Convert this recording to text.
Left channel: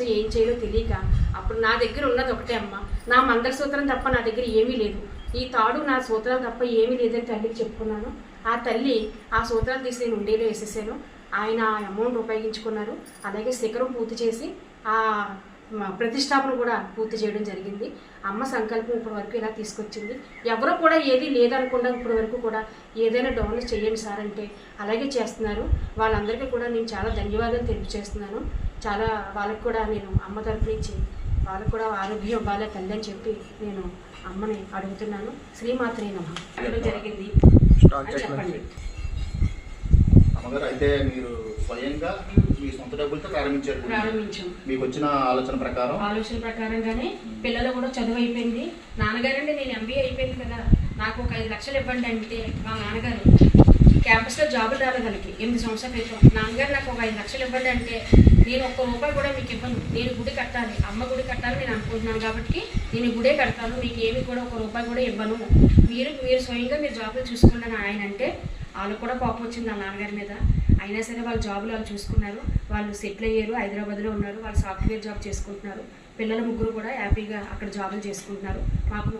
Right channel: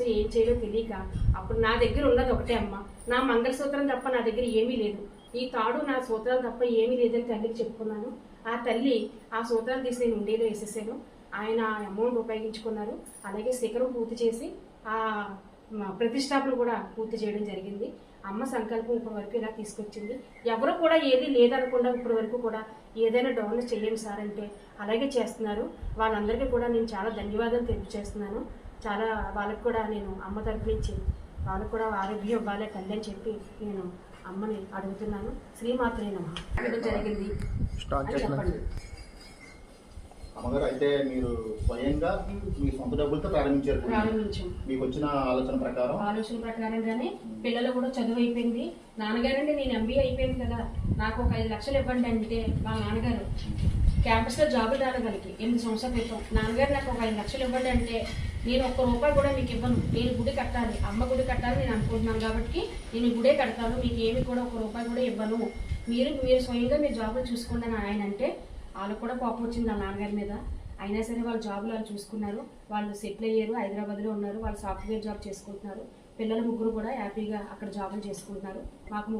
ఏం చేయాలో తెలియక అప్పుడు నా దగ్గర ఉన్నది ఒకటే అమ్మ, నా మంగళసూత్రం తప్ప నా దగ్గర ఏమీ లేదు, ఈ తాడు నా సూత్రాలు తప్ప ఏమీ లేదని తల్లికి చెప్పుకున్నాను. ఆ తల్లి ఆ సూత్రాలు తీసి నేను ఉండేలో వేసేసాను. ఆయన అమౌంట్ ఉపయోగించుకున్నారు. అలాగే శిఖరం పూర్తి చేసి ఆ ప్రతిష్టాపన కూడా పూర్తి చేయడం జరిగింది. అమ్మ సంకల్పం ఇప్పటి వరకు ఇలా తీసుకొచ్చింది. ఎవరు కూడా ఏది లేదనకుండా ఇప్పటి వరకు కూడా ఏదైనా డోనర్ చేయండి సార్ అంటే అలాగే చేస్తున్నారు. వాళ్ళందరికీ కూడా నేను చాలా ధన్యవాదాలు తెలియజేస్తున్నాను. చాలా వాళ్ళకి కూడా నేను అమ్మ తరపు నుంచి వాళ్ళకు కూడా ఆరోగ్యం ఇవ్వాలి తల్లి అని చెప్పి నేను అమ్మని అడుగుతున్నాను. శ్రీమాత్రే నమః అడగడం జరిగింది చెప్పండి. అమ్మగారు అయితే మీరు స్వయంగా మీ సొంత డబ్బులతో ప్రారంభించాం. మీకు వచ్చిన ఆలోచన ప్రకారంగానే పిల్లలు కూడా చదువు అయిపోయింది. నాన్నగారండి నేను MBA అయిపోయింది కదా, నాకు ఒక 5 లక్షలు ఇవ్వండి అంటే మా నాన్నగారు క్యాంపస్లో జాబులు రాలేదు వాళ్ళకి 8 సంవత్సరాల క్రితం. నాన్నగారు నాకు ఒక 5 లక్షలు ఇవ్వండి అంటే నేను ఒక్క రూపాయి కూడా మీకు ఇవ్వను, నేను గుడి కట్టాలి, అమ్మ గుడి కట్టాలి నేను అనుకుంటున్నాను కాబట్టి నేను గుడే కడతాను, మీకు ఏమి కూడా ఒక రూపాయి కూడా ఇవ్వను, మీరు స్వయంగా మీరు జాబులు చూసుకోండి అని ఆయన అంటే వాళ్ళకు కూడా కోపం వచ్చింది నా నాన్నగారి మీద. అయినా సరే వాళ్ళ జాబులు వాళ్ళు చూసుకున్నారు, వాళ్ళు సెటిల్ అయ్యారు, హైదరాబాద్లో ఉన్నారు, వాళ్ళు సాఫ్ట్వేర్ జాబ్ చేసుకుంటున్నారు. పిల్లలు ముగ్గురు కూడా హ్యాపీగా అక్కడ జాబులు చేసుకుంటున్నారు. మాకు